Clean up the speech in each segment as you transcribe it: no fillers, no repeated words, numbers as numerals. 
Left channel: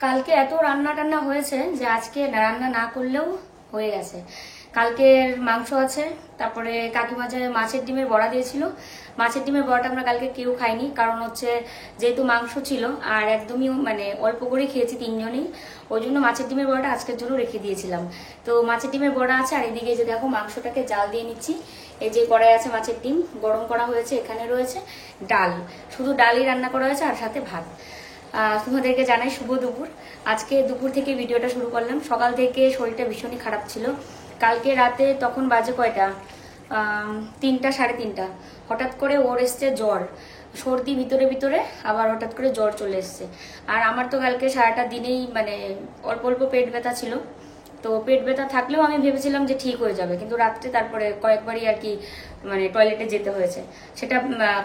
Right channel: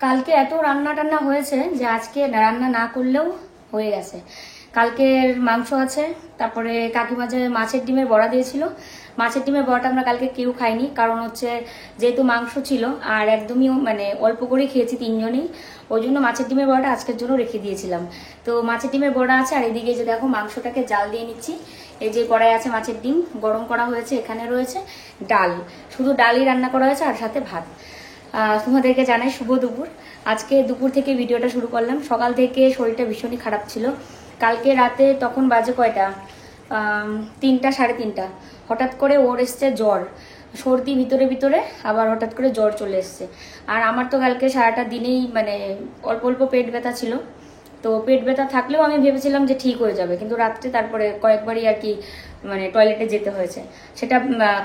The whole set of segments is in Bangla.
কালকে এত রান্না টান্না হয়েছে যে আজকে রান্না না করলেও হয়ে গেছে। কালকের মাংস আছে, তারপরে কাকিমা যে মাছের ডিমের বড়া দিয়েছিল, মাছের ডিমের বড়াটা আমরা কালকে কেউ খাইনি, কারণ হচ্ছে যেহেতু মাংস ছিল আর একদমই মানে অল্প করেই খেয়েছি তিনজনেই, ওই জন্য মাছের ডিমের বড়াটা আজকের জন্য রেখে দিয়েছিলাম। তো মাছের ডিমের বড়া আছে, আর এদিকে যে দেখো মাংসটাকে জাল দিয়ে নিচ্ছি। এই যে কড়াই আছে মাছের ডিম গরম করা হয়েছে, এখানে রয়েছে ডাল, শুধু ডালই রান্না করা হয়েছে আর সাথে ভাত। তোমাদেরকে জানাই শুভ দুপুর। আজকে দুপুর থেকে ভিডিওটা শুরু করলাম। সকাল থেকে শরীরটা ভীষণই খারাপ ছিল। কালকে রাতে তখন বাজে কয়টা, 3টা 3:30, হঠাৎ করে ওর এসছে জ্বর, সর্দি ভিতরে ভিতরে, আবার হঠাৎ করে জ্বর চলে এসছে। আর আমার তো কালকে সারাটা দিনেই মানে অল্প অল্প পেট ব্যথা ছিল। তো পেট ব্যথা থাকলেও আমি ভেবেছিলাম যে ঠিক হয়ে যাবে, কিন্তু রাত্রে তারপরে কয়েকবারই আর কি মানে টয়লেটে যেতে হয়েছে। সেটা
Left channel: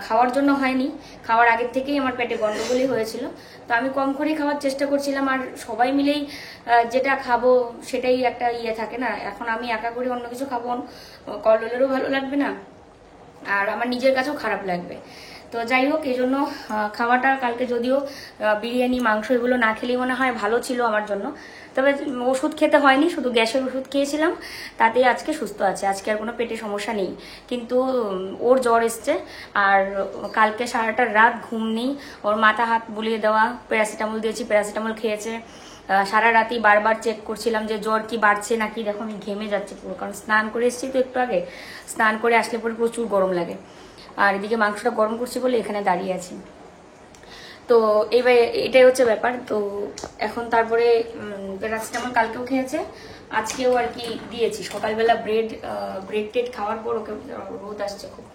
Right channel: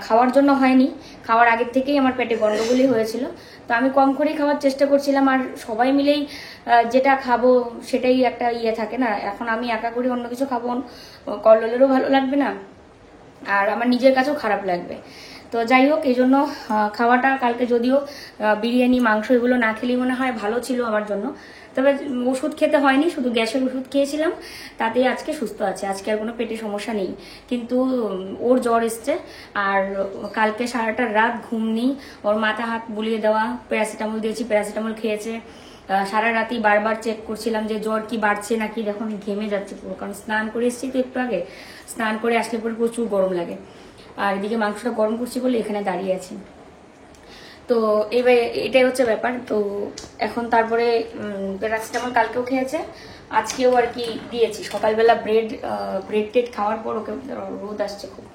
খাওয়ার জন্য হয়নি, খাওয়ার আগের থেকেই আমার পেটে গন্ডগোলই হয়েছিল। তো আমি কম করেই খাওয়ার চেষ্টা করছিলাম, আর সবাই মিলেই যেটা খাবো সেটাই একটা ইয়ে থাকে না। এখন আমি একা করে অন্য কিছু খাবো, কল্লোলেরও ভালো লাগবে না, আর আমার নিজের কাছেও খারাপ লাগবে। তো যাই হোক, এই জন্য খাওয়াটা কালকে যদিও বিরিয়ানি মাংস এগুলো না খেলেই মনে হয় ভালো ছিল আমার জন্য, তবে ওষুধ খেতে হয়নি, শুধু গ্যাসের ওষুধ খেয়েছিলাম, তাতেই আজকে সুস্থ আছে। আজকে আর কোনো পেটে সমস্যা নেই, কিন্তু ওর জ্বর এসছে। আর কালকে সারাটা রাত ঘুম নেই, ওর মাথা হাত বুলিয়ে দেওয়া, প্যারাসিটামল দিয়েছি, প্যারাসিটামল খেয়েছে। সারা রাতি বারবার চেক করছিলাম যে জ্বর কি বাড়ছে নাকি। দেখো আমি ঘেমে যাচ্ছি পুরো, কারণ স্নান করে এসেছি তো একটু আগে, স্নান করে আসলে পরে প্রচুর গরম লাগে। আর এদিকে মাংসটা গরম করছি বলে এখানে দাঁড়িয়ে আছি। তো এবার এটাই হচ্ছে ব্যাপার। তো এখন তারপরে প্যারাসিটামল কালকেও খেয়েছে, আজকেও আর কি দিয়েছি। সকালবেলা ব্রেড টেড খাওয়ার পর ওকে, রোদ আসছে খুব,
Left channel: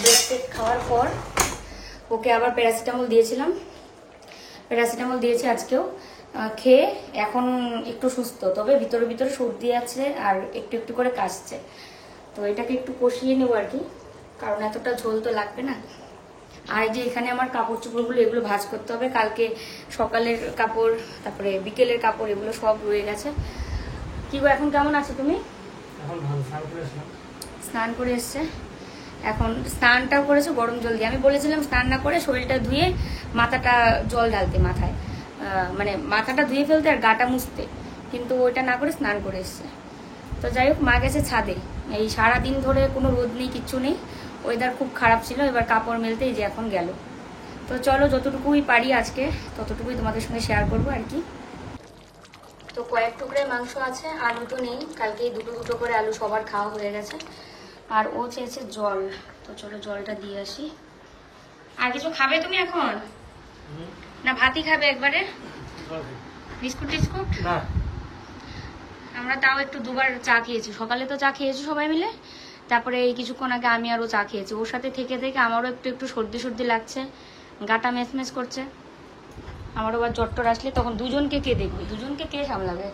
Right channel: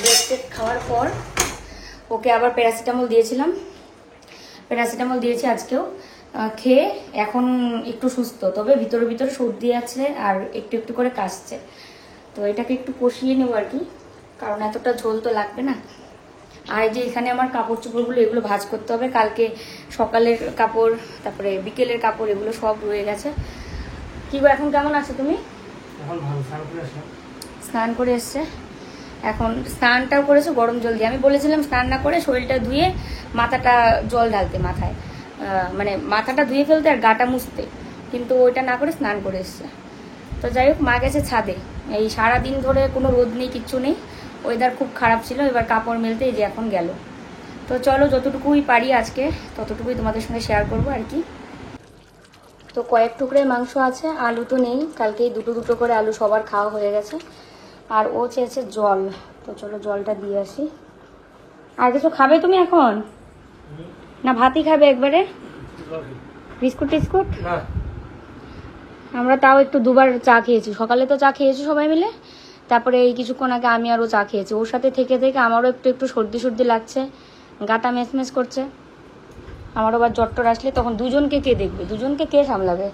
ব্রেড টেড খাওয়ার পর ওকে আবার প্যারাসিটামল দিয়েছিলাম, প্যারাসিটামল দিয়েছি আজকেও। খেয়ে এখন একটু সুস্থ, তবে ভিতরে ভিতরে সর্দি আছে আর একটু একটু করে কাশছে। তো এটাকে একটু কষিয়ে নেবো আর কি, কারণ এতটা ঝোল তো লাগবে না। আর এই যে এখানে আমার কাপড় চোপড়গুলো এগুলো ভাঁজ করতে হবে, কালকে সকালের কাপড় তারপরে বিকেলের কাপড় এগুলো সব রয়ে গেছে। কি গো, এখন কেমন আছো তুমি? স্নান করে এসছে, এখন স্নানটাও করেছে গরম জল দিয়ে। আমি বলেছিলাম স্নান না করে শরীরটা ধুয়ে মাথাটা জল ঢালতে, মাথায় মানে মাথাটা ধুয়ে ফেলতে আর গাটা মুছতে, কিন্তু ওইটা না করে স্নান করে এসছে। তো যাই হোক, মা গেছে ছাদে। এই সারাদিন ধরে কোনো রোদ নেই, কিচ্ছু নেই, ওয়েদার খুব খারাপ ছিল। এবার কাপড় মেলতে এই যে এখন গেল। তো চলো, যতটুকুই পারি আজকে ততটুকুই তোমাদের সঙ্গে শেয়ার করবো আর কি। তো কয়েক টুকরে মাংস আছে, আলু তো নেই, কালকেই দুটো দুটো করে আলু সবার খাওয়া হয়ে গেছে। আর ও চেয়েছে জল, তো চলো জলটা দিয়ে আসি। আর কিছু খাবে তুমি এখন, না ভাতই খাবে একবারে? বিস্কুট টিস্কুট? আমরা তাও একটু দুবার চা খেয়েছি, সকালে তো চা খেয়েছি সবাই মিলে, তারপরে এই কিছুক্ষণ আগে আমি আরও চা খেয়েছি। ওর সাথে থেকে থেকে আমারও একটু একটু সর্দি সর্দি লাগছে, গাটা মেচমেচ করছে। আমারও আবার জ্বর আসলে তখন দুজনকে কে দেখবে, দুজনকে কে সামলাবে?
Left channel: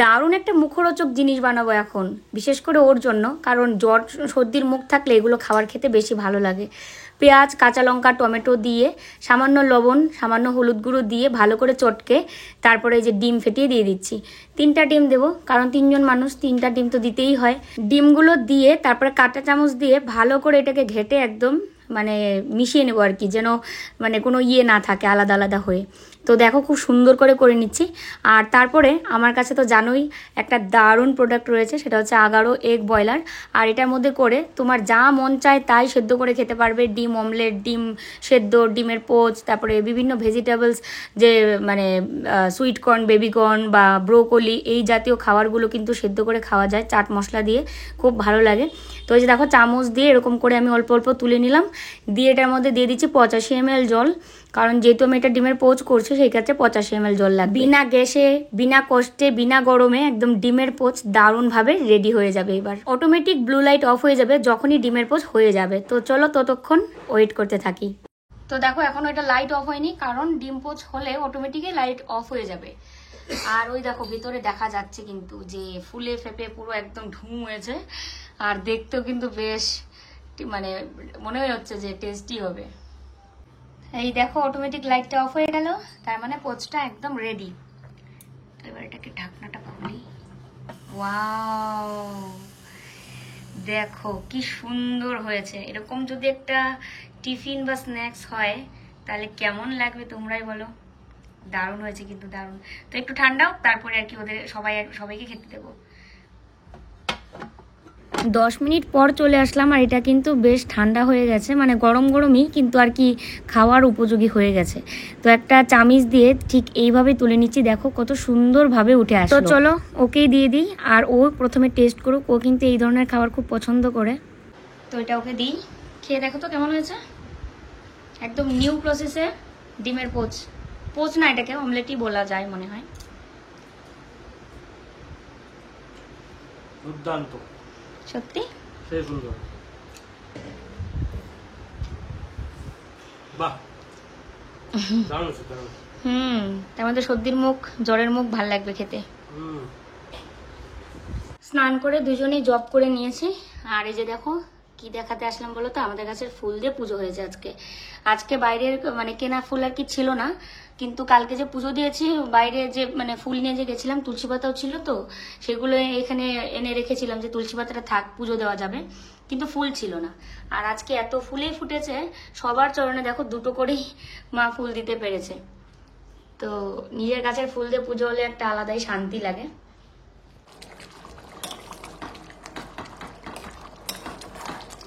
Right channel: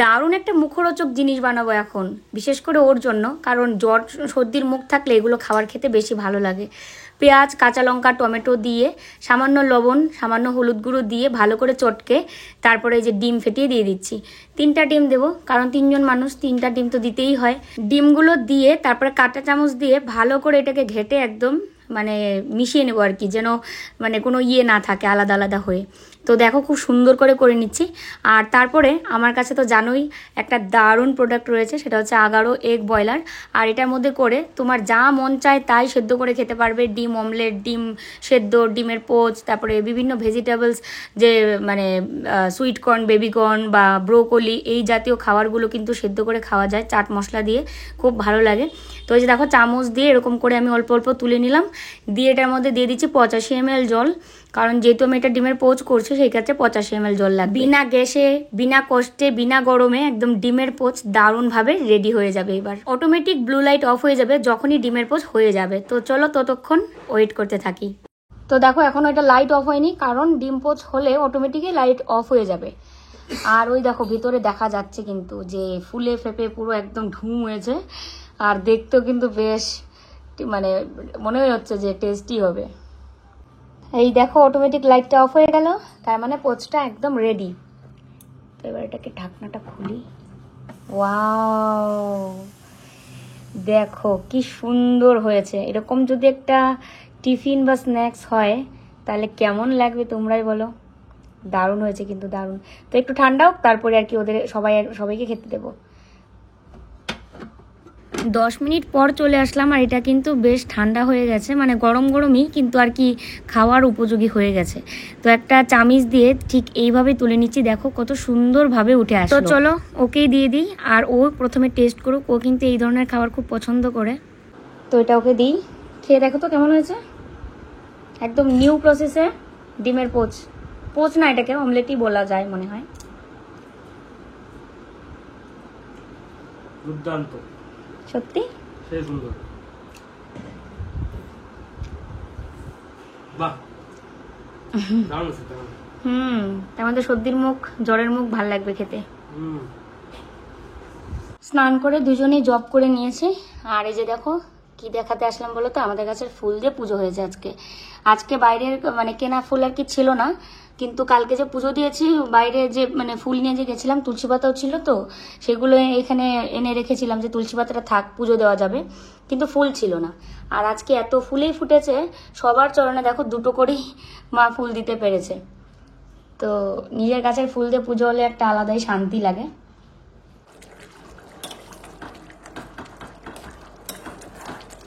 দারুণ একটা মুখরোচক জিনিস বানাবো এখন, বিশেষ করে ওর জন্য, কারণ জ্বর সর্দির মুখ থাকলে এগুলো খাবার খেতে বেশি ভালো লাগে। পেঁয়াজ, কাঁচা লঙ্কা, টমেটো দিয়ে, সামান্য লবণ, সামান্য হলুদ গুঁড়ো দিয়ে ভালো করে চটকে তারপরে এই যে ডিম ফেটিয়ে দিয়ে দিচ্ছি। 3টা ডিম দেবো, কারণ 3জন মানুষ, 3টা ডিম তো দিতেই হয়। ডিমগুলো দিয়ে তারপরে কাঁটা চামচ দিয়ে ভালো করে এটাকে ঘেটে একদম মানে মিশিয়ে নেবো আর কি, যেন মানে কোনো ইয়ে না থাকে আলাদা আলাদা হয়ে। তো দেখো খুব সুন্দর করে নিচ্ছি। আর তারপরে আমার কাছে তো জানোই একটা দারুণ প্রোডাক্ট রয়েছে, সেটা হচ্ছে আগারো এগ বয়লার। আর এটার মধ্যে করে তোমার যা মন চায় তাই সেদ্ধ করে খেতে পারবে। ডিম অমলেট, ডিম সেদ্ধ, ডিমের পোচ, তারপরে বিভিন্ন ভেজিটেবলস, যে মানে সুইট কর্ন, বেবি কর্ন বা ব্রোকলি, এই জাতীয় খাবারগুলো কিন্তু সেদ্ধ করে খাওয়া যায় চাট মশলা দিয়ে, খুব ভালো লাগে। তো এই যে দেখো চামচ দিয়ে এরকম করে আমি অল্প অল্প তুলে নিলাম, দিয়ে এটার মধ্যে দিয়ে দিচ্ছি 85 ml জল, কারণ যেহেতু আমি এটা ডিমের পোচ করছি সেই ক্ষেত্রে 85 ml জল লাগবে। বিনা গ্যাসে, বিনা কষ্টে, বিনা গরমে একদম ডিমের পোচ দারুণভাবে রেডি হয়ে যাবে। এবার অটোমেটিক ব্লু লাইট অফ হয়ে যাবে যখনই ডিমের পোচ হয়ে যাবে। তো চলো ততক্ষণ ওয়েট করতে থাকি। তো দেখো এখনো এটা লাইট অফ হয়নি, কারণ ডিম পোচ হলে অটোমেটিকই লাইট অফ হয়ে যাবে। আর ওই দেখো ভিতরে দেখা যাচ্ছে কিন্তু যে ফুলে ফেপে পুরো একদম ঢুম হয়েছে, আর দেখতেও কিন্তু বেশ মানে মনে হচ্ছে যে টেস্টি হবে। এই দেখো অটোমেটিক লাইটটা অফ হয়ে গেল, তার মানে পোচটা একদম রেডি। তো এবার এটাকে ঢাকনাটা খুলি। ওয়াও, দেখো কি সুন্দর হয়েছে। এরকম যদি একটা টিফিন বা স্ন্যাক্স হয় তাহলে কেমন লাগবে তোমরাই বলো। দারুণ হয়েছে কিন্তু, দারুণ। তো একটু ঠান্ডা হোক, তারপরে আর কি ওদের সবাইকে খেতে দেবো। 10 মিনিট পর চলে আসলাম, আর এটা কিন্তু বেশ ঠান্ডা হয়ে গেছে, মানে গরম গরমই কিন্তু আর কি খাওয়ার উপযোগী হয়ে গেছে। তো একটা চামিচ দিয়ে ঠিক এইভাবে তুলে নিচ্ছি, দেখো কত সুন্দরভাবে উঠে আসলো। তো চলো ওকেই দিয়ে দিই, আর ও প্রথমে টেস্ট করুক, ও কিন্তু এই ধরনের খাবার খুব পছন্দ করে। তো এটা ওকে দিই, খেয়ে দেখো তো কেমন হয়েছে। একদম নিউ প্রসেসে ডিমের পোচ না, এটাকে অমলেটই বলা যায় মনে হয়। দুর্দান্ত, সত্যি সেই সুন্দর। বাহ, দারুণ হয়েছে। তার মধ্যে সর্দির মুখ, জ্বরের মুখ ভাল লাগবে খেতে। স্নান করে দুজনেই জব করে নিয়েছি। আর এই যে দেখো কি দেখাতে আসলাম বলো তো, আমাদের গাছের ফুল দিয়ে পুজো হয়েছে আজকে বাইরের মানে কেনা ফুল আর কি ছিল না, কিন্তু কালকে যে পুজো দিয়েছি বাইরে যে মানে ফুল নিয়ে যে গেছিলাম, তুলসী পাতাও ছিল, তো সেগুলো এখানে এনে রেখেছিলাম যে তুলসী পাতাটা থাক, পুজো দেওয়া যাবে, কিন্তু ফুল ছিল না। আর আজকে এত ফুলেই ফুটেছে, সবার চরণে দেখো 2টো করেই মা ফুল দিতে পেরেছে। তো নিজের গাছের ফুল দিয়ে পুজো হলে একটা আলাদাই শান্তি লাগে।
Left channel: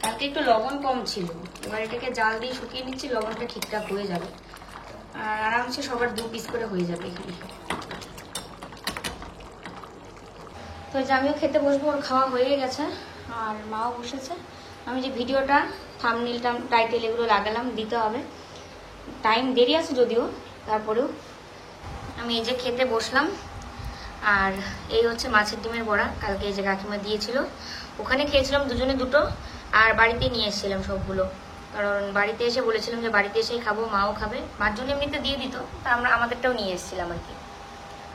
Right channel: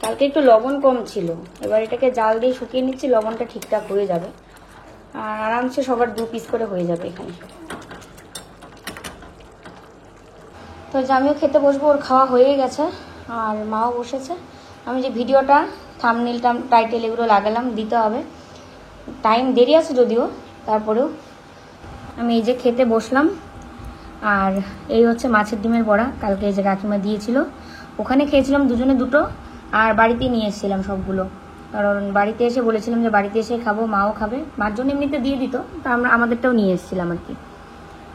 কালকে একটু লবণ কম ছিল, এবার এটাকে জাল দিয়ে শুকিয়ে নিচ্ছি, লবণটা ঠিকঠাক হয়ে যাবে, আর আরামসে সবার 2 পিস করে হয়ে যাবে এখানে। তো যে আমিও খেতে বসবো, ওর খাওয়া হয়ে গেছে আর মাও বসেছে। আমি যে ভিডিওটা থাম্বনেল টাইটেল এগুলো লাগালাম, দিতে হবে, টাইম দেরি আছে যদিও, তারপরেও আমি এই যে খেতে বসলাম। আর এই হচ্ছে মাছের ডিমের বড়া, কালকে এই যে কাকিমা দিয়েছিল, ওখানে খেয়েছিলাম দুজনে 2টো, আর বাড়িতে নিয়ে এসেছিলাম সবগুলো, কারণ বাড়িতে এসে বলেছিলাম যে বাড়িতে এসে খাবো, মাও খাবে, মার জন্য এমনিতে দিয়ে দিত, তা আমরা আমাদেরটাও নিয়ে এসেছিলাম আর কি।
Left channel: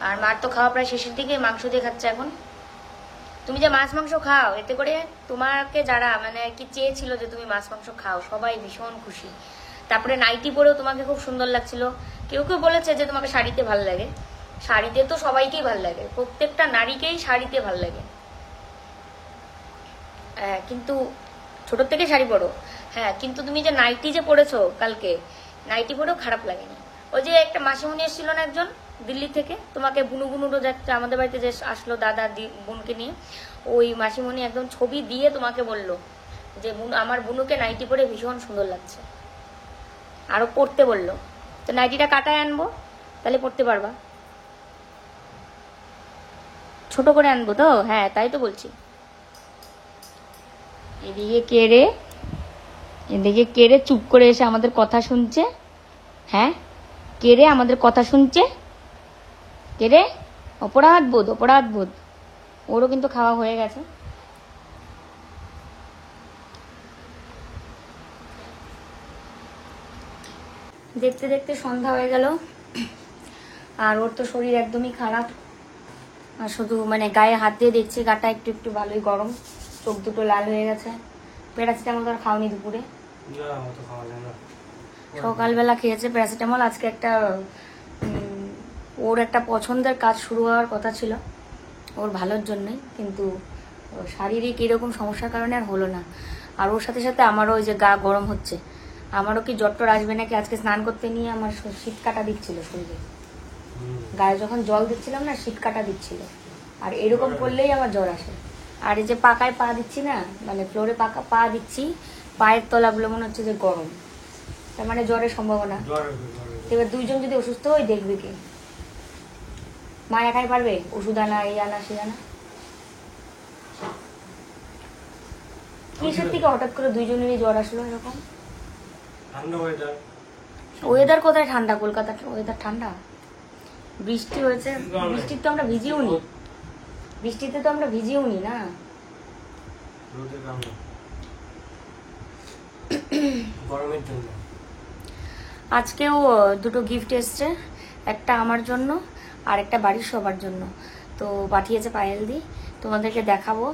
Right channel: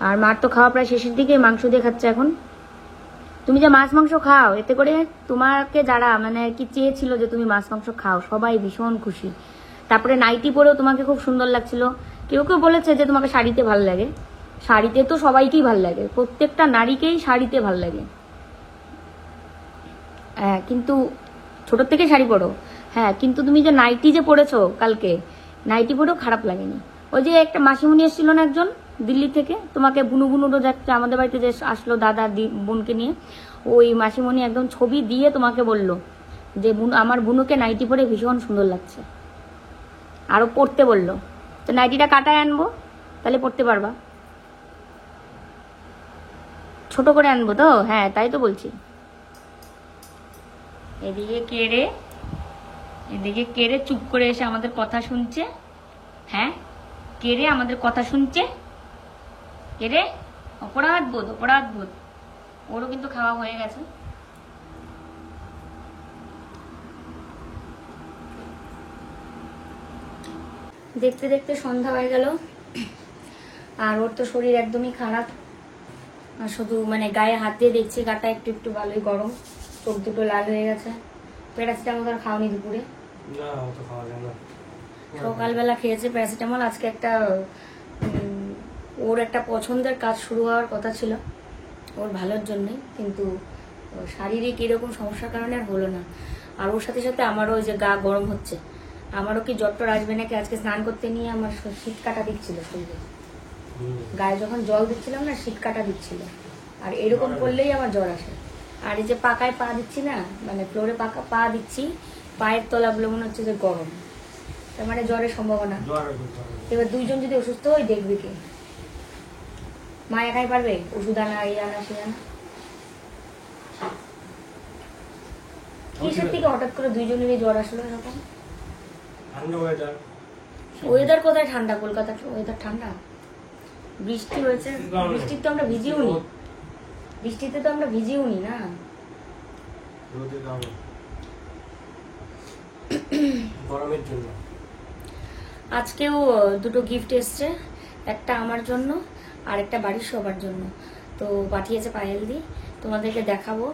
আর মার তো খাওয়া প্রায় শেষের দিকে, মাংস দিয়ে খাচ্ছে এখন। তুমি যে মাছ মাংস খাও, এতে করে তোমাকে যারা মানে কি চেয়েছিল যে তুমি মাছ মাংস খাও, সবাই ভীষণ খুশি। তারপরে নাইটি পরেও তোমাকে খুব সুন্দর লাগছিল, কেউ কেউ বলেছে যে তোমাকে শাড়িতে ভাল লাগে। শাড়িতে তো সবাইকেই ভাল লাগে, প্রত্যেকটা নারীকেই শাড়িতে ভাল লাগে। হ্যাঁ, কিন্তু ছোট থেকে শাড়ি পরো, হ্যাঁ, কিন্তু তুমি যে নাইটি যে পরেছো কালকে, নাইটি পরেও খারাপ লাগেনি। ওই যে একটা মাসিমণি এসেছিল না একজন দিল্লি থেকে, তোমাকে বুনুগুনুরও যাচ্ছে আমাদের বাড়িতে যে আসলো দাদা বোনকে নিয়ে, ওই মাসিমণি একদম ছবি দিয়ে তোমাকে বললো যে আমার বুনুকে নাইটি পরে ভীষণ সুন্দর লাগছে, আরো পরতে বললো। তো নাইটিটা কাটায় আনবো, তাহলে পরতে পারবা। ছোট করে আনবো তো, হ্যাঁ তাই তো বলছি। এদিকে কেড়ে চুপ করে এসে আমাদের কথা শুনছে। হ্যাঁ, কেড়ে আমাদের কথা শুনছে, কেড়ে অপরাধ বোধ। ওরও কিন্তু খাওয়া হয়ে গেছে। দেখতে দেখতে সন্ধ্যা হয়ে গেল, আর ওর তো শরীর একদমই খারাপ, আর শুধু মানে গায়ে হাত দিয়ে দেখছি, গাটা একটু একটু ভালোই গরম, চোখ দুটো লাল হয়ে গেছে। প্যারাসিটামল আর খাওনি দুপুরে? সকালবেলা খেয়েছে প্যারাসিটামল। আজকে ওর একটা পছন্দের কাজ শুরু হওয়ার কথা ছিল ওর ভালোর জন্য, কিন্তু শারীরিক এরকম সমস্যার কারণে আর হলো না। আর ওর সাথে সাথে আমারও ওই যে গা গরম হচ্ছে, আমারও কি জ্বর আসবে নাকি। আজকে স্নান করতে নিয়ে আমার শীত কাটা দিচ্ছিল শরীরে, গায়ে যখন জল দিচ্ছিলাম না শীত কাটা দিচ্ছিল, আর এরকম করলেই আমার জ্বর আসে। আর এই যে পাকায় পা দিচ্ছি না, মানে ফ্লোরে পাকা পা দিচ্ছি, পায়ের তলাগুলো মনে হচ্ছে যে গরম, তার মানে জ্বরের সম্ভাবনা। এবার 2 জন যদি অসুস্থ হয় দেখবে কে? মা একাই পারবে ওষুধ আনা, এই আনা সেই আনা? কিসের থেকে হঠাৎ করে 2 জনেরই জ্বর আসলো এরকম? ওয়েদার কোথায় ঠান্ডা? কলকাতার ওয়েদার ঠান্ডা? বৃষ্টি হয়েছে, বৃষ্টিতে তো আমরা ভিজিও নি না। আজকেও 2টো গিফট এসছে, একটা আমার জন্য আর একটা বাড়ির সবার জন্য। তো পাঠিয়েছে পায়েল দি, তোমাদেরকে দেখাবো।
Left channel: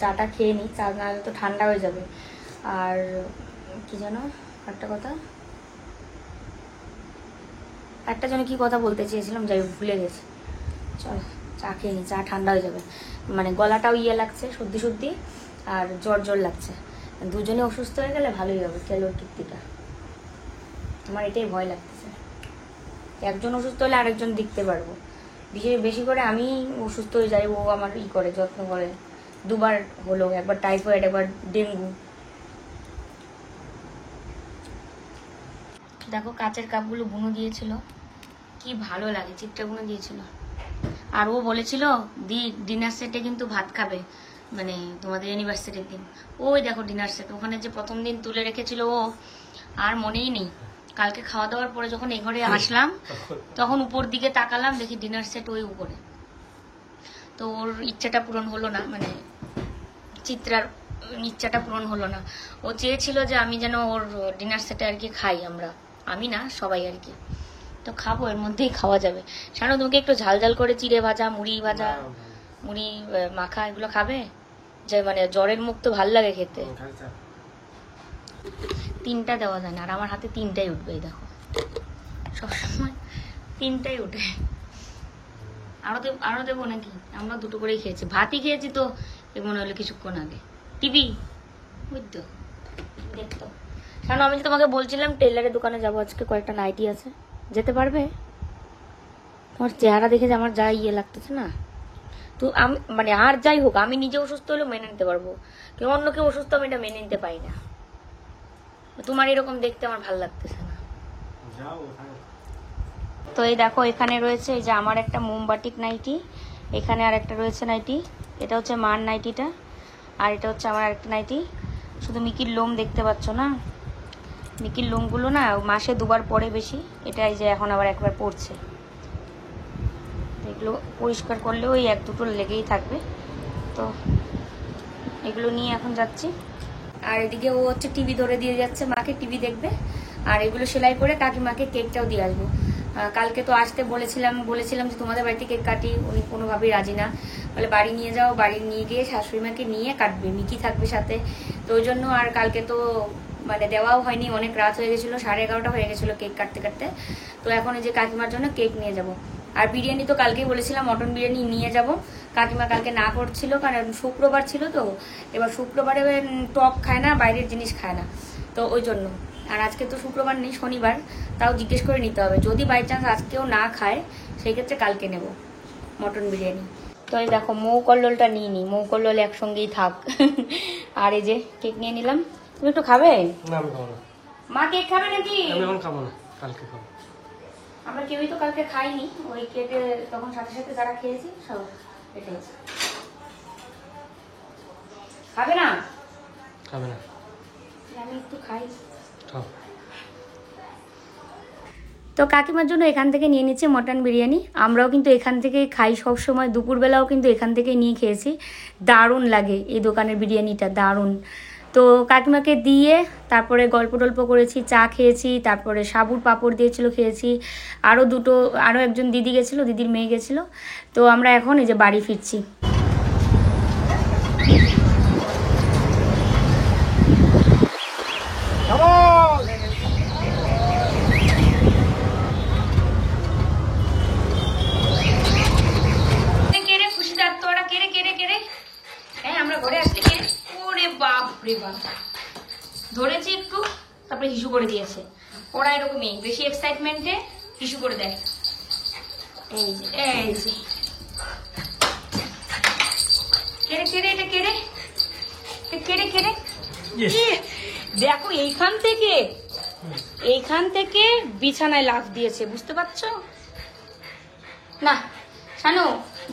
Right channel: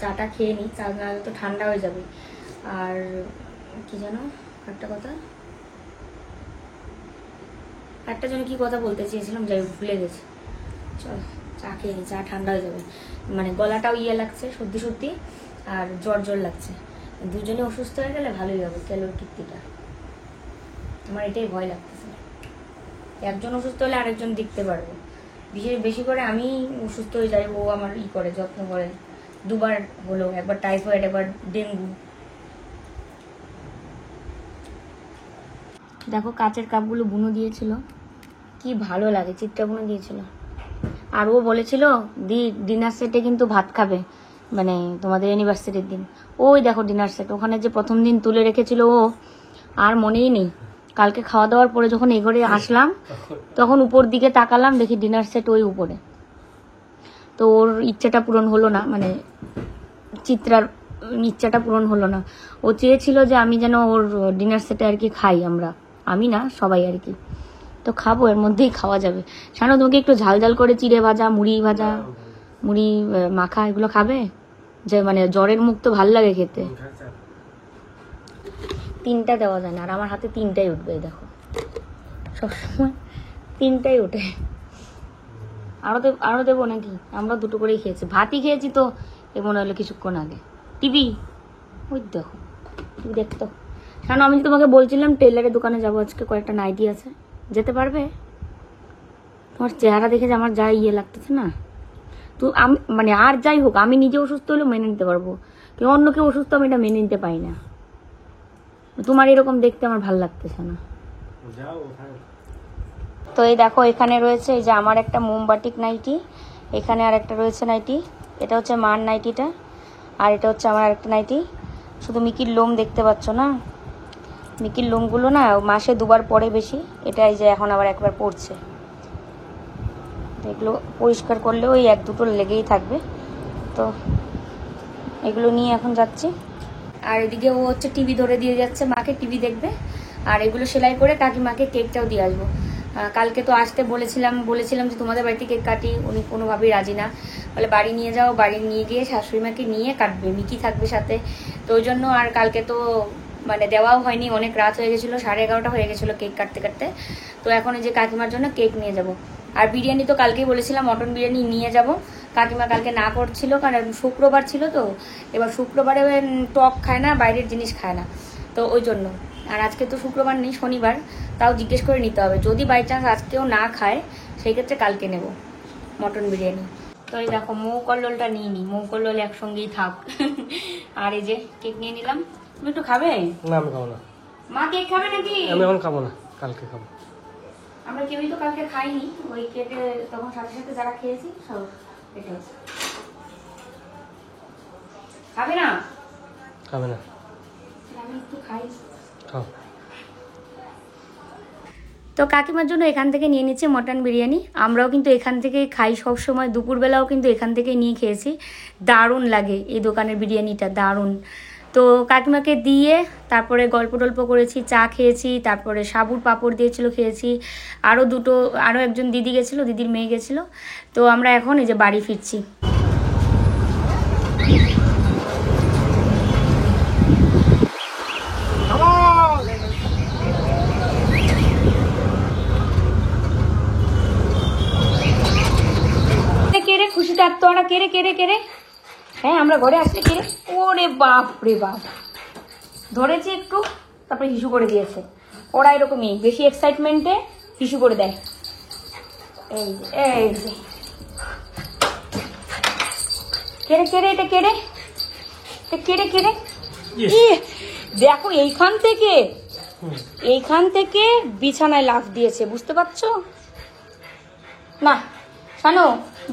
চাটা খেয়ে নি, চা না তো ঠান্ডা হয়ে যাবে। আর কি জানো একটা কথা, একটা জন্য কি কথা বলতে চেয়েছিলাম, যাই ভুলে গেছি। চলো চা খেয়ে নি, চা ঠান্ডা হয়ে যাবে, মানে গলাটাও লাগছে, সর্দি আর জ্বর লাগছে। দুজনে অসুস্থ হয়ে গেলে ভালোই হবে কেলোর কীর্তিটা। আমার এটাই ভয় লাগতেছে, একজন অসুস্থ হলে আরেকজন দেখতে পারবো। বেশি করে আমি অসুস্থ হয়ে যাই, ও আমার করে যত্ন করে। দুবার হলো, একবার টাইফয়েড একবার ডেঙ্গু। দেখো কাচের কাপগুলো বুনো দিয়েছিল, কি ভালো লাগে, চিত্রা বুনো দিয়েছিল। আর ও বলেছিল ডিনার সেটে কিন্তু ভাত খাবে, মানে তোমাদের অ্যানিভার্সারির দিন। ওই দেখো ডিনার সেট, ওখানে যে প্রথম দিন তুলে রেখেছিল ও, আর মনেই নেই। কালকে খাওয়া দাওয়ার পরে যখন এঘরে আসলাম তখন উপর দিকে তাকালাম, দেখি ডিনার সেট ওই উপরে। তো ওর ইচ্ছাটা পূরণ হলো না, মানে চিত্রার ইচ্ছাটা পূরণ হলো না। ও চেয়েছিল যে আমি যেন ওর ডিনার সেটে আর কি খাই, আমি না সবাই আর কি। তো খাবো, এর মধ্যেই খাওয়া যাবে। জানো তোমাকে একটু ঝাল ঝাল করে চিড়ে ভাজা, মুড়ি ভাজা, মুড়ি মাখা এগুলো খাবে, যে মানে জ্বরের মুখ তো ভালো লাগে খেতে। 3টা দেওয়া যায় না, আর আমার হাতে 3টাই উঠবে, এই দেখো সবসময় 3টাই উঠে। আরো দেবো নাকি? আমরা 2টো করেই খেয়েছি, ভাতই খেয়েছি তো এ মনে হলো কিছুক্ষণ আগে। টিভি ওই দেখো, তুমি দেখতো। কারণ আমি তোমাকে বলছিলাম টেলারের দোকানে যাবো আজকে, কয়েকটা নাইটি আছে, যেতে পারবে? তোমার চেহারা দেখে যে আমার যা ইয়ে লাগতেছে না, তো আমি মানে আর যাই হোক আমি নিজে অসুস্থ হলেও মেনে নিতে পারবো, কেউ অন্য কেউ অসুস্থ আমি এটা মেনে নিতে পারি না। তোমার এরকম দেখতে আমার ভালো লাগতেছে না। তো এই দেখো এখানে রয়েছে এই যে আমার একটা মোমবাটিক নাইটি, এখানে আর একটা রয়েছে নাইটি, এটা হচ্ছে মার নাইটিটা, আর এটা হচ্ছে আমার আরেকটা নাইটি। শুধু মিকির লোম দেখতে পাচ্ছ না, মিকির লোমগুলো না মাসে 2বার পরে বেশি, এটা এই যে এখন আবার একবার পড়ছে। এগুলো পরিষ্কার করলেও ওই 1-2টো লেগেই থাকবে। তো এগুলো নিয়ে এখন যাচ্ছি। আর এদিকে ও হচ্ছে টিভি ধরে দিয়ে যাচ্ছে, মাকে টিভি দেখবে। আর এগুলো সেলাই করে কাকিমাকে কেকটাও দিয়ে আসবো। কালকে তো আসতে বলেছিলাম যে তোমাদের বাড়িতে কেক কাটি, উনি কোনোভাবেই রাজি না, বলে বাড়ি নিয়ে যাও, বাড়ি নিয়ে গিয়ে শাশুড়ি মাকে নিয়ে কাটবে, মিকি থাকবে সাথে। তো ওই জন্য আর কালকে তো মানে দেওয়াও হয়নি, অনেক রাত হয়ে গেছিল, 11:30 হয়ে গেছিল কেক কাটতে কাটতে। তো এখন এই যে কাকিমার জন্য কেক নিয়ে যাব। আর বিরিয়ানি তো কালকেই বলেছিলাম মটন বিরিয়ানি নিয়ে যাব, কাকিমা কালকে না করছিল কারণ শুক্রবার ছিল। তো এবার শুক্রবারে টক খায় না, বাইরের জিনিস খায় না, তো ওই জন্য। আর আজকে তো শুক্রবার নেই, শনিবার, তাও জিজ্ঞেস করে নিতে হবে, যদি বাই চান্স আজকেও না খায় সেই ক্ষেত্রে কালকে নেব মটন বিরিয়ানি। তো এই দেখো মৌ কল্লোলটা নিয়ে নি, মৌ কল্লোল একসঙ্গেই থাক। আর এই যে কেক নিয়ে নিলাম। তুমি একটু খাবে? না আমি খাবো না। মা কেক খাবে নাকি? আমি এখন খাবো না, কালকে খাবো। আমরা কেউই তো কালকে খাইনি, ওই কেটে তখন সাথে সাথে যারা খেয়েছি সব এটা খাবে না। খাবে না? আমি একটু খাই। খাও। তো কাকিমার জন্য এখান থেকে নিয়ে নিচ্ছে মটন বিরিয়ানি। আমরাও কিন্তু এখান থেকেই খাই সব সময়, দুপুরবেলাও কিন্তু এখান থেকে নিয়ে খেয়েছি। দারুণ লাগে এই দোকানের বিরিয়ানিটা, দারুণ। তো কাকিমাকে দিয়ে তারপরে গল্প টল্প করেছি, চা খেয়েছি, তারপরে সাবুর পাঁপড় দিয়েছিল খেয়েছি। আরও একজন দিদি গেছিলো, দিদির মেয়ে গেছিলো। তো আমরা এখন এই যে বাড়ি ফিরছি। হ্যাঁ আমরা ঘরে আসতে কেড়ে, ওরে বাপ রে বাপ, ধরেছে একটু তারপরে হিসু করে দিয়েছে। ওরা এরকমই বেশি এক্সাইটমেন্টে হিসু করে দেয়। এই যে কেড়ে এটা কেড়ে দেখো এইখান থেকে বিছানায় লাফ দিয়েছে, বুঝতে পারছো না? জানো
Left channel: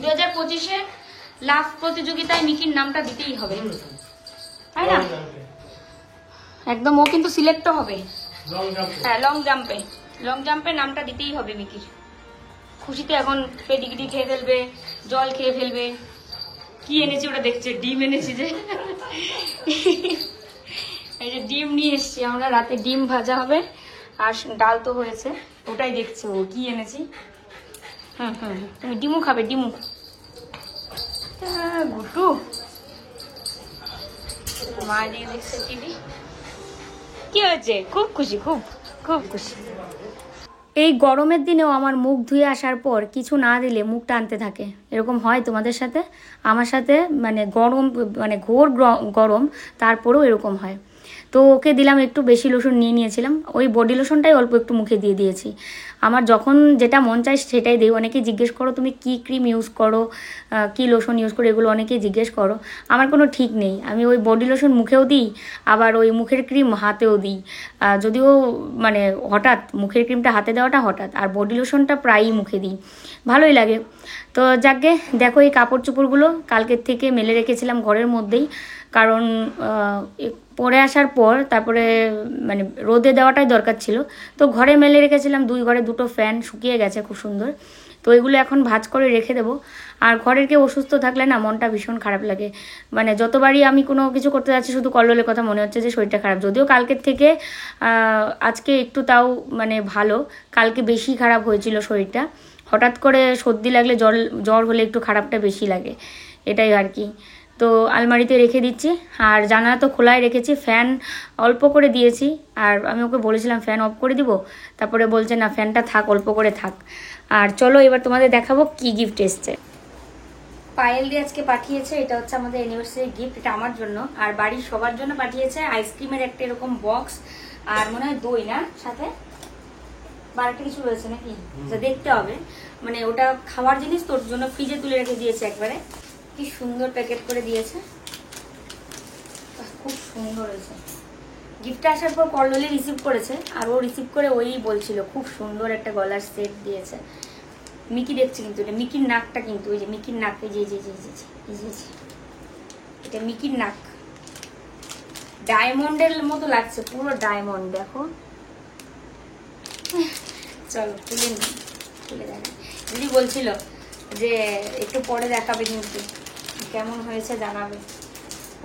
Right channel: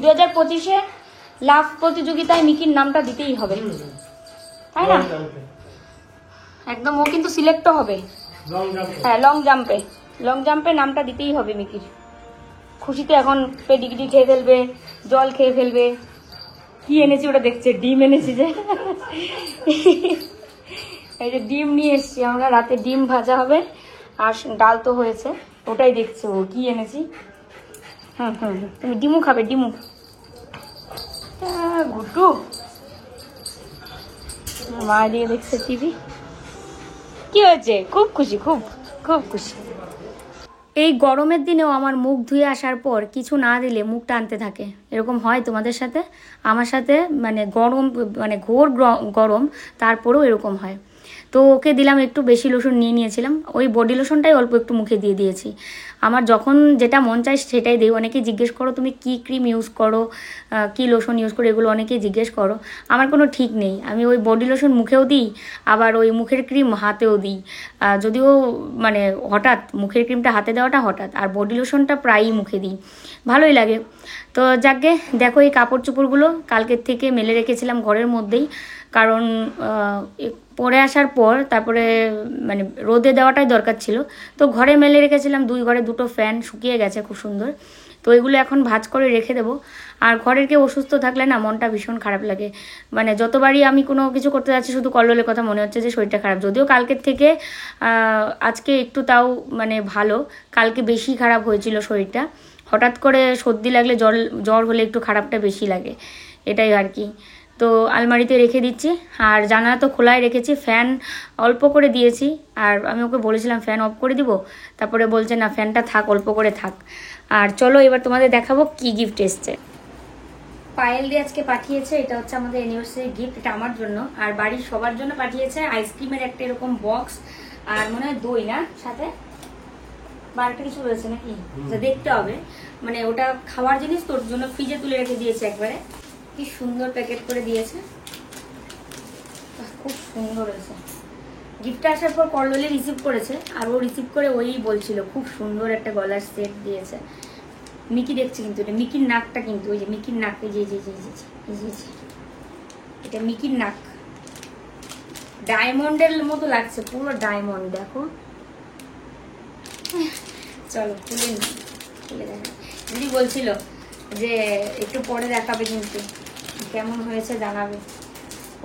2025-এ লাফ প্রতিযোগিতায় মিকির নামটা দিতেই হবে, তাই না? একদম, ও কিন্তু সিলেক্ট হবে। হ্যাঁ লং জাম্পে নামটা দিতেই হবে মিকির। খুশিতে এখন পেডিগ্রি খেয়ে ফেলবে, জল খেয়ে ফেলবে। কি এনেছি ওটা দেখছে, ডিম এনেছি যে, এই যে ডিম নিয়ে এসছি আমরা, রাতে ডিম ভাজা হবে আর ডাল তো হয়েছে, ওটাই দেখছে ও কি এনেছি। তুমি ডিমু খাবে? ডিমু গুটু মা দিয়ে হচ্ছে টিভি। কি হয়েছে? খুব খুশি, খুব খুশি। এই গরমের দিনেও আমার মুখ ধুয়ে আসার পর কিছু না দিলে মুখ টানতে থাকে। এরকম হয় তোমাদের সাথে? আমার সাথে মানে গরম, মানে ঘোর গরম, তারপরেও এরকম হয়। তো ওকে দিলাম একটু বেশি লোশন নিয়ে নিয়েছিলাম, ওই বডি লোশনটাই অল্প একটু মুখে দিয়ে দিয়েছি। আমার যখন যেটা মন চায় সেটাই দিই। অনেকেই জিজ্ঞেস করো তুমি কি ক্রিম ইউজ করো, কি লোশন ইউজ করো, এগুলো অনেকেই জিজ্ঞেস করো। আমার কোনো ঠিক নেই, আমি ওই বডি লোশন মুখেও দিই, আবার ওই মুখের ক্রিম হাতেও দিই। যদিও মানে হঠাৎ মুখের ক্রিমটা হাতে দেওয়াটা হঠাৎ, আর বডি লোশনটা প্রায়ই মুখে দিই, ভালোই লাগে। তো যাকে দেখো এই কাপড় চোপড়গুলো কালকের থেকে মেলে রেখেছিলাম ঘরের মধ্যেই, কারণ পরে আসার পর তারপরে মানে রোদে দেওয়াটাই দরকার ছিল। তো ঘরে মেলে রেখেছিলাম, 2 ঘরে 2টো ফ্যান শুকিয়ে গেছে খুব সুন্দর। তো এগুলো এখন ভাঁজ করে রেখে দেবো। আর ঘরের কেউ অসুস্থ থাকলে না মনটা ভীষণ খারাপ লাগে। মানে যতবারই আমি কোনো কিছু করতে যাচ্ছি শুধু কল্লোলের কথা মনে হচ্ছে যে শরীরটা খারাপ। যদিও কালকের থেকে আজকে একটু তাও মানে ভালো, কালকে বেশি খারাপ হয়েছিল শরীরটা। হঠাৎ করে সর্দি লাগলে জ্বর হলে একটু খারাপটা বেশি লাগে, এটাই আর কি। তো আলমারিতে রেখে দিচ্ছি, আর জানালা তো খোলাই রেখেছি, ফ্যান অল্প করে দিয়েছি। আর আমি ওকে বলেছিলাম ফ্যান অফ করে দিব, তারপরে বলছে না ফ্যানটা থাক, অল্প করে থাক। আর চলো এবার তোমাদের দেখাবো কি গিফট এসছে। পায়েল দিয়ে আজকে পাঠিয়েছে, এটা হচ্ছে আমাদের অ্যানিভার্সারি গিফট, এটা আমার জন্য আর বাড়ির সবার জন্য পাঠিয়েছে। আইসক্রিমের একটা এরকম বক্স, আর মনে হয় দই না সাথে, বা একটা কিছু রয়েছে নাকি দেখতে হবে। মানে ওটা খাওয়ার জিনিস, তোর জন্য ফ্রিজে তুলে রেখে দিয়েছে একবারে। কি সুন্দর প্যাকেট করে দিয়েছে, খুব সুন্দর হয়েছে। গিফটটা আসার পর কল্লোলি রিসিভ করেছে, আর ও রিসিভ করে ওই বলছিল খুব সুন্দর একটা গলার সেট দিয়েছে। মিকি দেখছে কিন্তু এটা মিকির নাকটা, কিন্তু ওই যে মিকির নাক, এই যে এটা মিকির নাক, ডায়মন্ডের মতো লাগছে, পুরো ডায়মন্ড। দেখো চলো খুলে দেখা। দিদি বলছিল যে একটু পরে দেখাবে, কিন্তু কেমন হয়েছে জানাবে।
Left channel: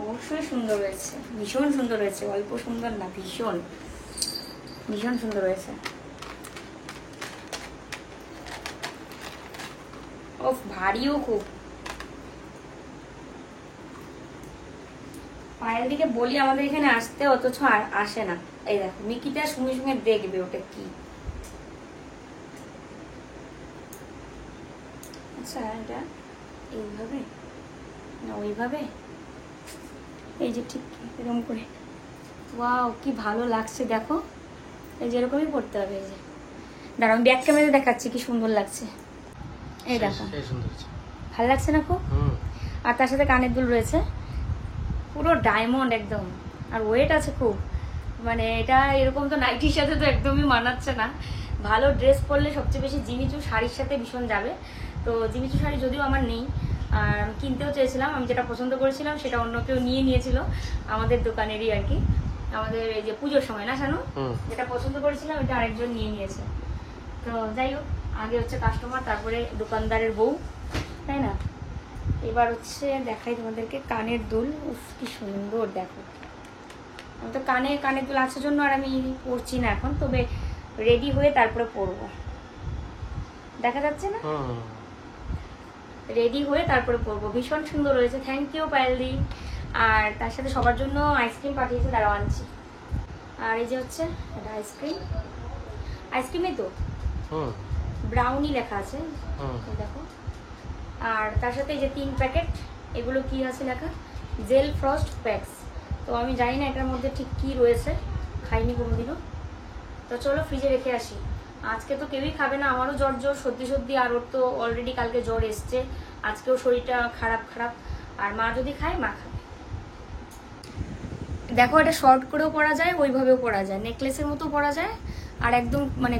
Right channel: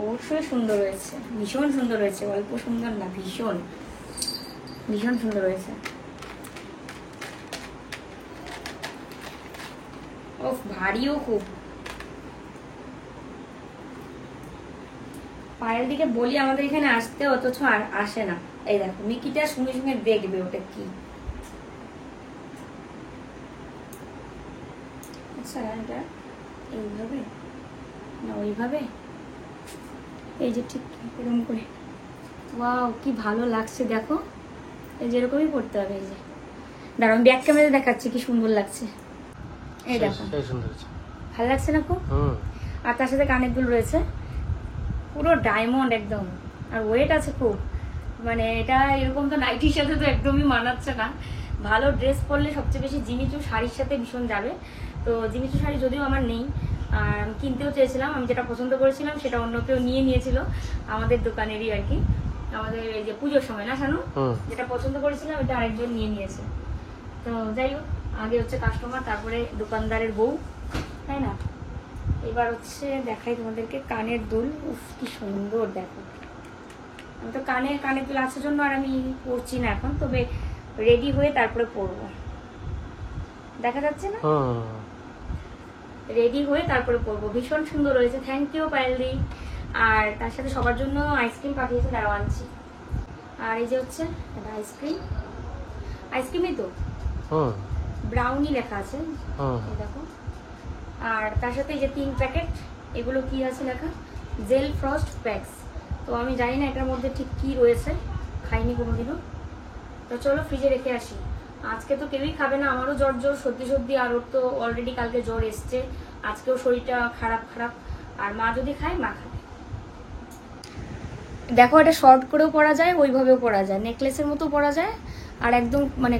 অবশ্যই সুন্দর হয়েছে, ভীষণ সুন্দর হয়েছে, অল্প সুন্দর না, ভীষণ ভীষণ সুন্দর হয়েছে। ও ভারীও খুব। পায়েল দিকে বলি আমাদের এখানে আসতে, অথচ আসে না। এই দেখো মিকিটা সঙ্গে সঙ্গে দেখবে ওটা কি। আচ্ছা এটা এইভাবে না ওইভাবে, এই যে ঠিক এরকম করে। ওয়াও কি ভালো লাগছে, দেখো এই যে এরকমই পড়তে হবে। এই যে দাঁড়াও ব্যাক ক্যামেরা দেখাচ্ছি কি সুন্দর লাগছে, এই দেখো ভালো লাগছে না খুব। আর তার সাথে কানের দুল রয়েছে, পুরো ডায়মন্ড একদম, আর ওয়েট আছে খুব। মানে এটা এরকম তো নাইটির সাথে তো একদমই মানাচ্ছে না। ভালো ড্রেস পরলে সবচেয়ে বেশি জিমিচু শাড়ির সাথে ভীষণ যাবে। তো জিমিচু শাড়ি যদিও আমার নেই, আর আমি কিনতেও চেয়েছিলাম, আমি যেটা পছন্দ করেছিলাম সেটা অন্য কেউ নিয়ে নিয়েছিল, আমাদের দোকানেরই আর কি, আমাদের এই যে পুজোর সময় না শানু, যেটা পছন্দ করেছিলাম ওটা আরেকজন নিয়ে নিয়েছে। তো যাই হোক, আগে হচ্ছে কাস্টমার, তারপরে দোকানদারের বউ, তাই না। এবার হচ্ছে দেখাই তোমাদেরকে কানের দুল। উফ কি সুন্দর, দেখো আমি তো কানের দুল আসার জন্য আর আমি পরছি না এখন, তবে রেডি হয়ে তারপরে পরবো। দেখা যাচ্ছে না, রেডি হয়ে তারপরে পরবো। ভীষণ সুন্দর হয়েছে, থ্যাংক ইউ পায়েল দি। আর তার সাথে সবার জন্য আইসক্রিম পাঠিয়েছে, দাঁড়াও আনছি। আর এই যে হচ্ছে এটা আইসক্রিমই তো ব্রাউনি লেখা আছে, দেখো। আর তার সাথে এই যে 3 প্যাকেট, এগুলো কি আছে লেখা, জেল ফ্রস্ট প্যাকস। তো আমি জানি না এটার মধ্যে ঠিক কি রয়েছে, খাইনি কোনোদিনও। তো চলো ফ্রিজে রেখে আসি। আজকে তো কেউই খাবে না, আমারও জ্বর সর্দি, আর ওর তো অলরেডি কালকে জ্বর এসছে, আজকেও শরীরটা খারাপ। আর মা যদি খায়, মা খাবে। দেখো এটা শর্ট করেও পরা যায়, ওইভাবেও পরা যায়, নেকলেসের মতো পরা যায়, আর একদম মানে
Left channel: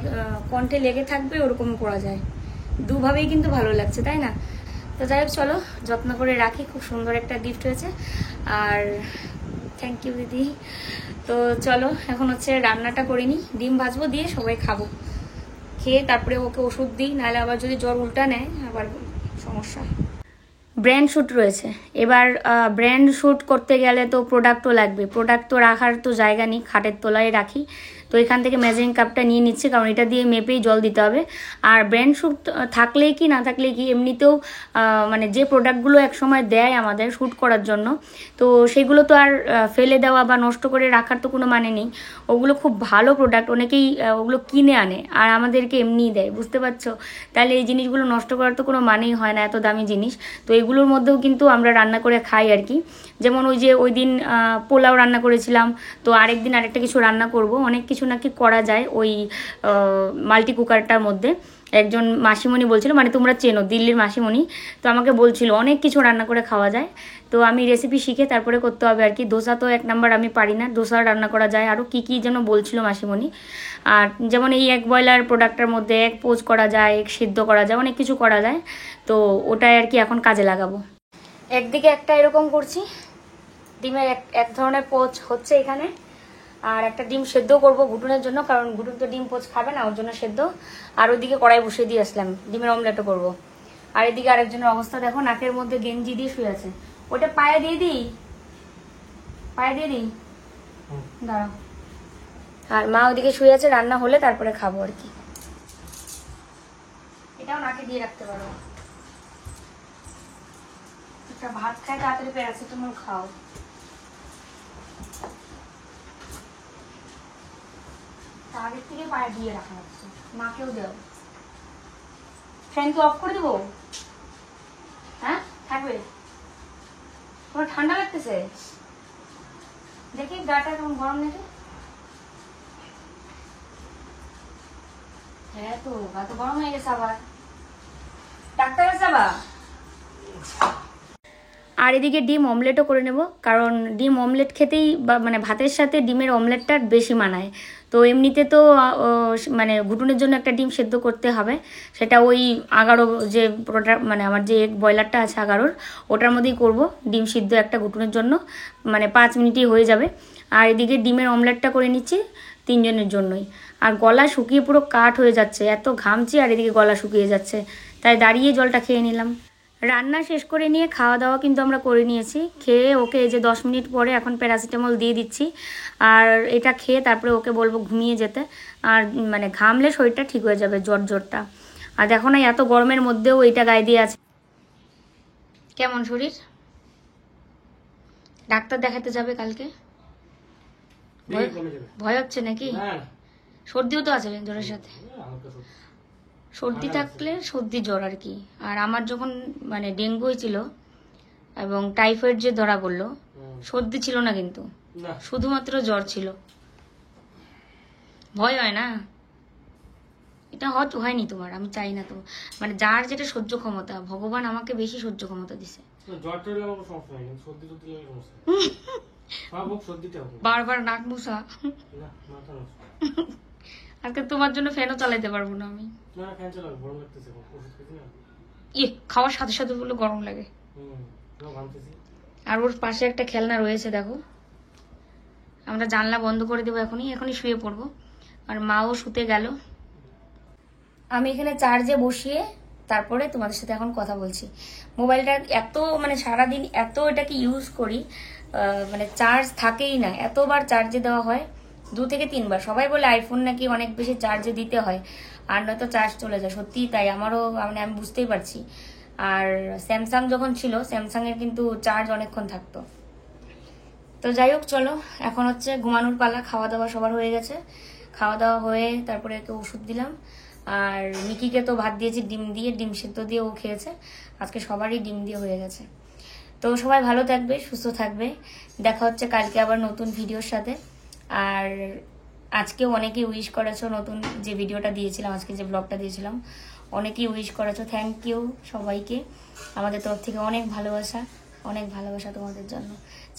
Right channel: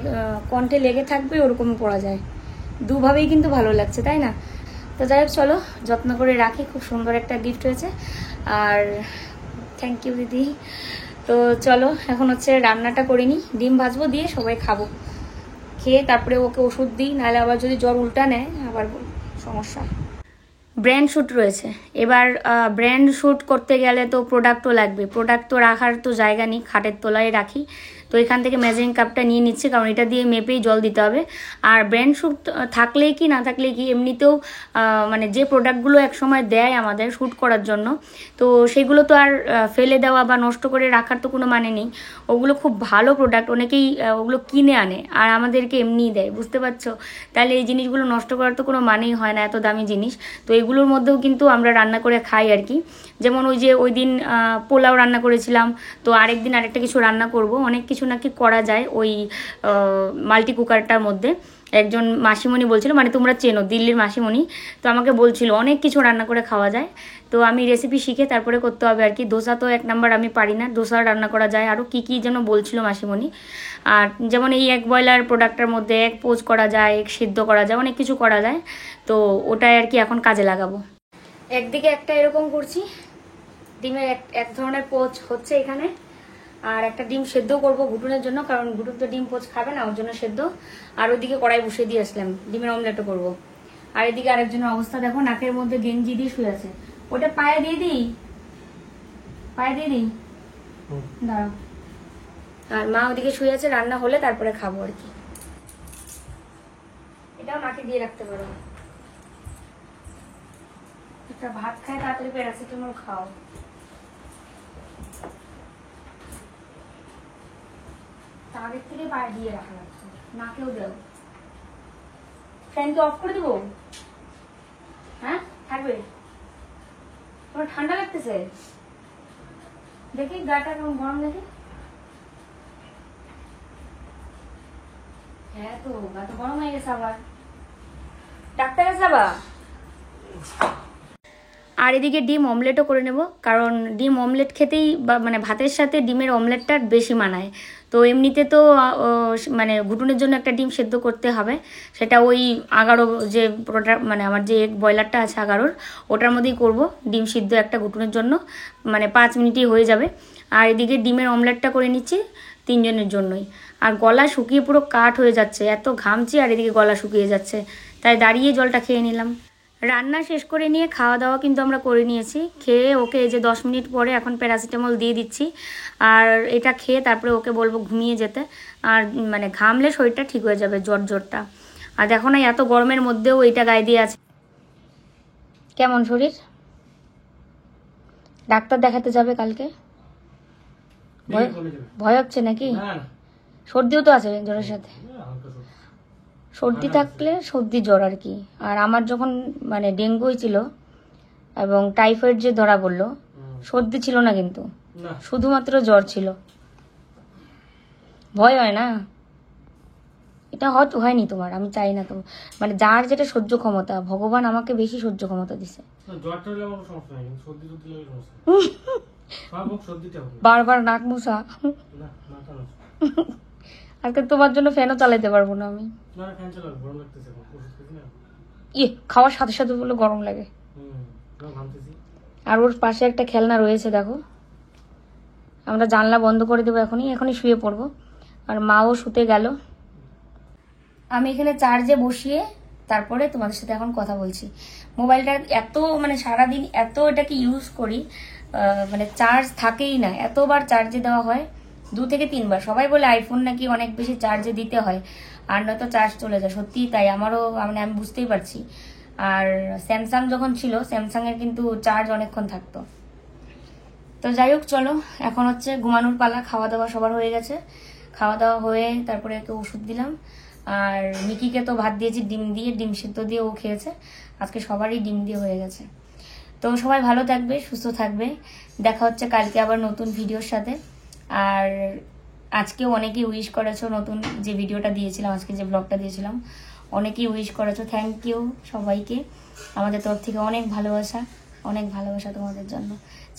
কণ্ঠে লেগে থাকবে ওরকম পরা যায়। দুভাবেই কিন্তু ভালো লাগছে, তাই না। তো যাই হোক চলো যত্ন করে রাখি, খুব সুন্দর একটা গিফট হয়েছে। আর থ্যাংক ইউ দিদি। তো চলো এখন হচ্ছে রান্নাটা করে নিই, ডিম ভাজবো, দিয়ে সবাই খাবো, খেয়ে তারপরে ওকে ওষুধ দিই, নাহলে আবার যদি জ্বর উল্টা নেয় আবার সমস্যা। ব্র্যান্ড শ্যুট রয়েছে, এবার ব্র্যান্ড শ্যুট করতে গেলে তো প্রোডাক্টও লাগবে, প্রোডাক্ট তো রাখার তো জায়গা নেই, খাটের তলায় রাখি। তো এখান থেকে মেজারিং কাপটা নিয়ে নিচ্ছি, কারণ এটা দিয়ে মেপেই জল দিতে হবে। আর ব্র্যান্ড শ্যুট থাকলেই কি না থাকলেই কি, এমনিতেও মানে যে প্রোডাক্টগুলো একসময় দেয় আমাদের শ্যুট করার জন্য, তো সেগুলো তো আর ফেলে দেওয়া বা নষ্ট করে রাখার তো কোনো মানে নেই। ওগুলো খুব ভালো প্রোডাক্ট, অনেকেই ওগুলো কিনে আনে আর আমাদেরকে এমনিই দেয়, বুঝতে পারছো? তাহলে এই জিনিসগুলো নষ্ট করার তো কোনো মানেই হয় না, এত দামি জিনিস। তো এগুলোর মধ্যেও কিন্তু আমরা রান্না করে খাই আর কি। যেমন ওই দিন পোলাও রান্না করেছিলাম, তো আরেকদিন আরেকটা কিছু রান্না করব। অনেক কিছু নাকি করা যায় ওই মাল্টি কুকারটার মধ্যে। একজন মাসিমণি বলছিল, মানে তোমরা চেনো, দিল্লির মাসিমণি, তো আমাকে বলছিল অনেক কিছু রান্না করে খাওয়া যায়। তো আমি রেসিপি শিখে তারপরে করতে হবে আর কি। ধোসা তো 1 নাম্বার আমি পারি না, ধোসা রান্না করা যায়। আরও কী কী যেন বলছিল মাসিমণি। আর যেমন এই এক ব্রয়লার প্রোডাক্টটার মধ্যে এক পোচ করা যায়, এক সিদ্ধ করা যায়, অনেক কিছু করা যায়। তো ওটাই আর কি এখন কাজে লাগাবো। একদিকে একটা এরকম করছি, ডিমের এক ধরনের পোচ হচ্ছে এখানে। আর একটা ডিম সেদ্ধ করব ঘুটুনের জন্য, কারণ ঘুটুন তো ডিম পোচ খাবে না, ওর জন্য সেদ্ধ। আর ওইদিকে কড়াই বসিয়ে দিয়ে আসলাম, ডিমের অমলেটও করবো। আর এদিকে আরেকজনের অবস্থা দেখো, নাকের মধ্যে গেঞ্জি দিয়ে শুয়ে আছে। ওটা পায়ে দিয়ে দিই, পায়ে দিয়ে দিই, দাঁড়াও। আর মা ওদিকে শুয়ে আছে, রান্না হলে তারপরে খাবো আর কি। এটাও নাকে দিয়ে রাখতে পারো। ভাত খায় তাড়াতাড়ি প্যারাসিটামল খাও। আগের থেকে পায়ে দিয়ে রাখা হচ্ছে, মাকেও দেও। ফ্যানকে অফ করে দেবো? হ্যাঁ থাকবে? তোমার ঠান্ডা লাগতেছে? দেখি গাটা কেমন গরম দেখে। হ্যাঁ তো গা তো গরম হয়ে গেছে আবার, ডাক্তার কাছে যাবা? আর এদিকে ডিম অমলেটও করে নেব, কারণ ডিম অমলেট খেতেই মানে ভাতের সাথে ডিমের অমলেটটা বেশি মানায়। তো এমনিতে তো মানে ঘুটুনের জন্য একটা ডিম সেদ্ধ করতে হবে, সেটা ওই 11 যে প্রোডাক্ট, মানে আমার যে ব্রয়লারটা আছে 11, ওটার মধ্যেই করব ডিম সিদ্ধ একটা ঘুটুনের জন্য, মানে 5 মিনিটই হয়ে যাবে। আর এদিকে ডিমের অমলেটটা করে নিচ্ছি 3 জনের জন্যই। আর গলা শুকিয়ে পুরো কাঠ হয়ে যাচ্ছে, এত ঘামছি আর এদিকে গলা শুকিয়ে যাচ্ছে, তাই দাঁড়িয়ে জলটা খেয়ে নিলাম। রান্না শেষ করে নিয়ে খাওয়া দাওয়া কিন্তু আমরা করে নিয়েছি। খেয়ে ওকে এই যে 10 মিনিট পরে এখন প্যারাসিটামল দিয়ে দিচ্ছি, আর এটা খেয়ে তারপরে ওকে বলবো ঘুমিয়ে যেতে। আর মানে ঘামলে শরীরটা ঠিক হয়ে যাবে, জ্বরটা। আর দেখো না, এত গরমের মধ্যেও এইটা গায়ে দিয়ে আছে। কেমন শরীর? ডাক্তার দেখাতে যাবে কালকে? ভয় হচ্ছে নাকি? সর্দিও তো আছে জ্বরের সাথে। সর্দি থাকলে সর্দি জ্বর আর কি। আর আমার যখন মানে ডেঙ্গু হয়েছিল এবং টাইফয়েড যে ধরা পড়লো, সর্দি ছিল না কিন্তু, শুধুমাত্র জ্বর ছিল। ভয় হয় না? এটা হয়নি তোমার, আমি চাই না তো, মানে যার যেটা সহ্য ক্ষমতা, ভগবান আমাকে বেশি সহ্য ক্ষমতা দিছে। বারবার নাক মুছা, আজকে তোমার জন্য ফ্যানও চালাইতে পারবো না আমি। খাওয়ার সাথে সাথে বলে গরম লাগে। আর ওর পাশে একটা খেলনা রয়েছে দেখো। আমরা জানলা বন্ধ করে দেবো এখনই শুয়ে পড়বো। আর মাও শুতে গেল। আমি এখানে চার্জে বসিয়ে তারপরে তোমাদের সাথে এখন কথা বলছি। মোবাইলটা এত মানে সারাদিন এত এটাকে ইউজ করি, মানে চার্জ থাকেই না, এতবার চার্জে দেওয়া হয়, 2 থেকে 3 বার। সবাই বলে আইফোন নাকি অনেক বেশি চার্জে দিতে হয়, আর নয়তো চার্জ চলে যায়। সত্যি তাই, আমারও মানে আমি বুঝতেই পারছি। আর স্যামসাং যখন ছিল, স্যামসাং এর কিন্তু চার্জ অনেকক্ষণ থাকতো। তো যাই হোক, চলো এখন হচ্ছে ঘুমানোর পালা। খাওয়া দাওয়া সবার হয়ে গেছে, খাওয়া দাওয়া হয়ে তারপরে একে ওষুধ দিলাম। আর মিকিকে তো ভাত দিয়েছি ডিম দিয়ে, ডিম সিদ্ধ দিয়ে ও খেয়েছে। আজকে সবারই ডিম দিয়ে হয়ে গেছে। তো সবাই ভালো থাকবে, সুস্থ থাকবে। দেখা হচ্ছে কালকে আবার নতুন ভিডিওর সাথে। আর আজকেও অনেকেই উইশ করেছো, নতুন যে ভিডিওটা দিয়েছিলাম, আজকে যে ব্লগটা দিয়েছিলাম, অনেকেই উইশ করেছো। থ্যাংক ইউ সবাইকে, আমাদের তরফ থেকে অনেক ভালোবাসা, অনেক ভালোবাসা তোমাদের জন্য।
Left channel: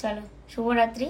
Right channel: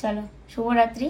চলো, শুভরাত্রি।